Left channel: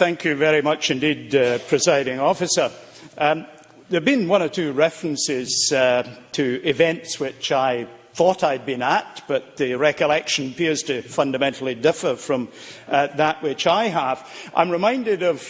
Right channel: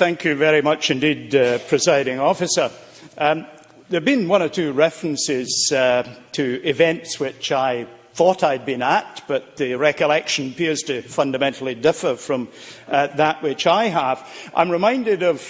Thank you very much indeed, Presiding Officer. There have been one or two references to events which I thought I'd been at, but the recollection appears to fundamentally differ from that which I have. I'm reminded of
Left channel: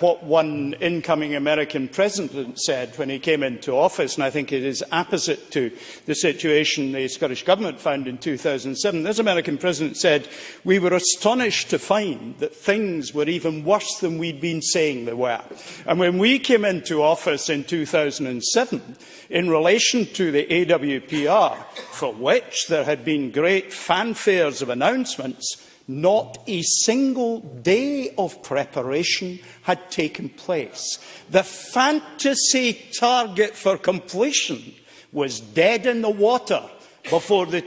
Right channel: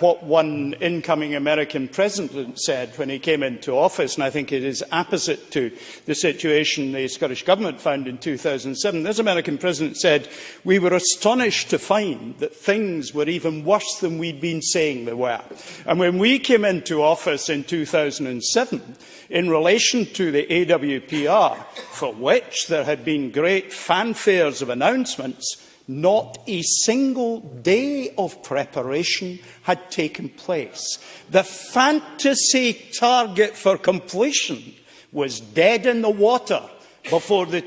what one incoming American president said when he came into office, and I think it is opposite to the situation the Scottish Government found in 2007. This American president said, "We were astonished to find that things were even worse than we'd been saying they were." And when we came into office in 2007, in relation to the AWPR, for which there had been great fanfares of announcements, not a single day of preparation had taken place. The fantasy target for completion was dead in the water before the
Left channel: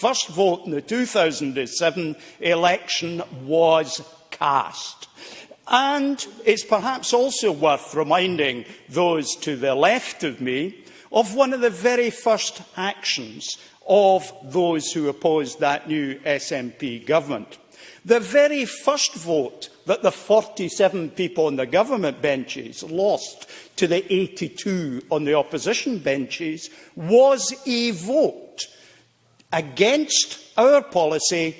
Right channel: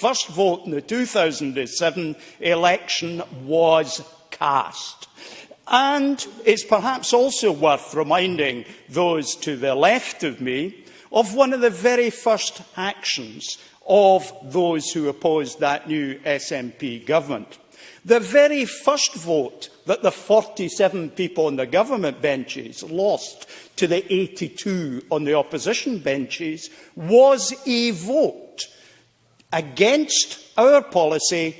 first vote in the 2007 election was cast. And it's perhaps also worth reminding those to the left of me of one of the very first actions of those who opposed that new SNP government. The very first vote that the 47 people on the government benches lost to the 82 on the opposition benches was a vote against our policy.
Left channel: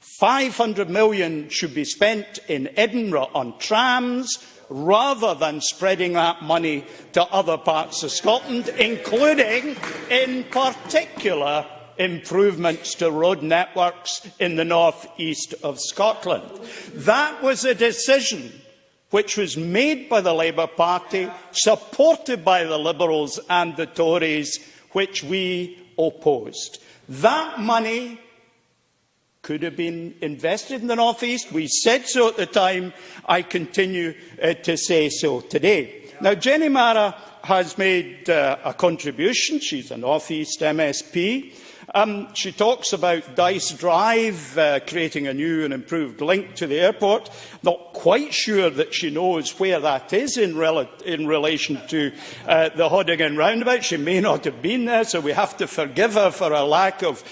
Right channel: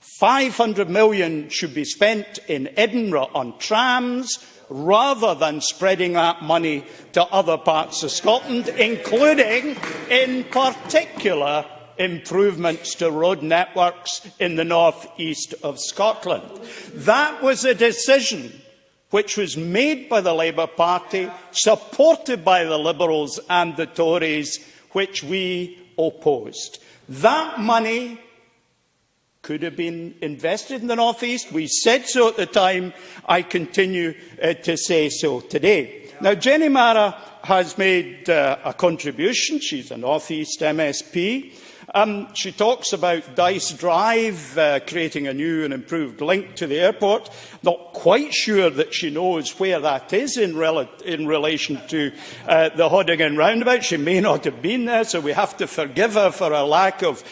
500 million should be spent in Edinburgh on trams, rather than spreading that money to other parts of Scotland, including, in particular, improvements to road networks in the north east of Scotland. That was a decision which was made by the Labour Party, supported by the Liberals and the Tories, which we opposed. That money could have been invested in the North East. We said so at the time. I continue to say so today. Now, Jenny Mara has made a contribution. She's a North East MSP. She talks about Dice Drive, creating a new and improved link to the airport. Not quite sure that she knows where that is in relation to the Haudagain Roundabout. She may not have been there, so we have to forgive her for a lack of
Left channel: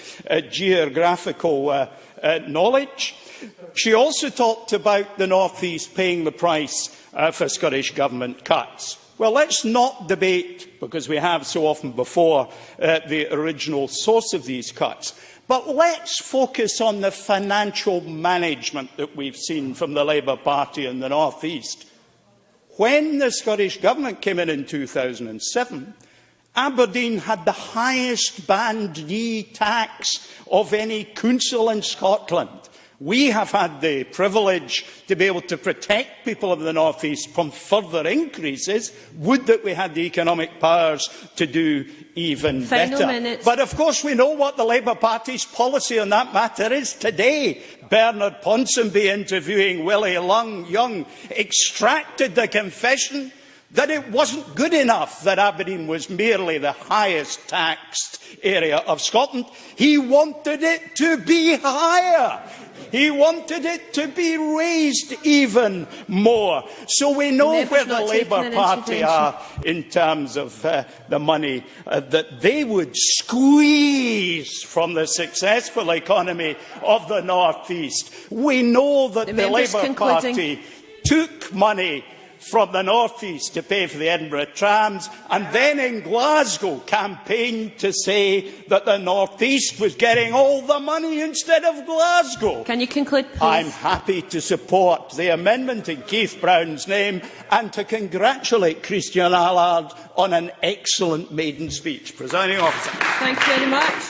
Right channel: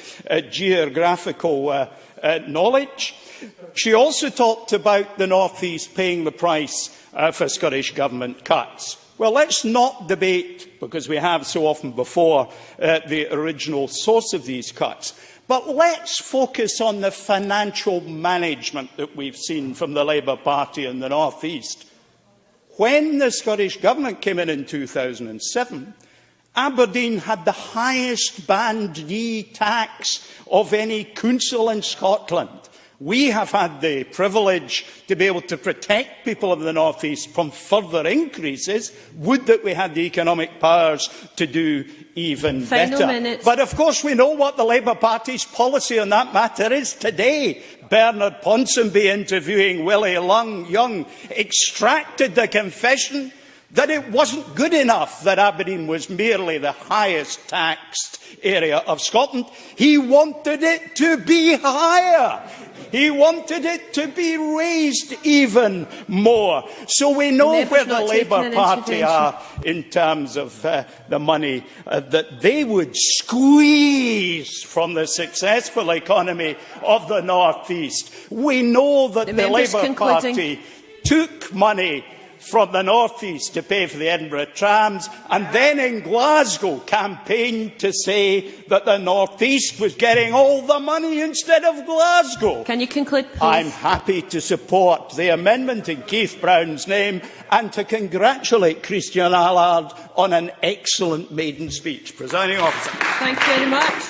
geographical knowledge. She also talked about the North East paying the price for Scottish Government cuts. Well, let's not debate, because we have so often before, the original source of these cuts. But let's focus on the financial management that we've seen from the Labour Party in the North East. When the Scottish Government came in 2007, Aberdeen had the highest Band D tax of any council in Scotland. We have had the privilege to be able to protect people of the North East from further increases. Would that we had the economic powers to do even better. But of course we know what the Labour Party's policy on that matter is today. Bernard Ponsonby, interviewing Willie Young, extracted the confession that it wasn't good enough that Aberdeen was merely the highest taxed area of Scotland. He wanted it to be higher. He wanted it to be raised even more. So we know where the Labour Party are in terms of the money that they would squeeze from the successful economy of the North East. We know that the Labour Party took money from the North East to pay for the Edinburgh trams, and then in Glasgow campaigned to say that the North East was getting all the money instead of Glasgow. Can you conclude, please? I'm happy to support the amendment in Keith Brown's name and to congratulate Christian Allard on an excellent maiden speech. Presiding Officer. Thank you very much.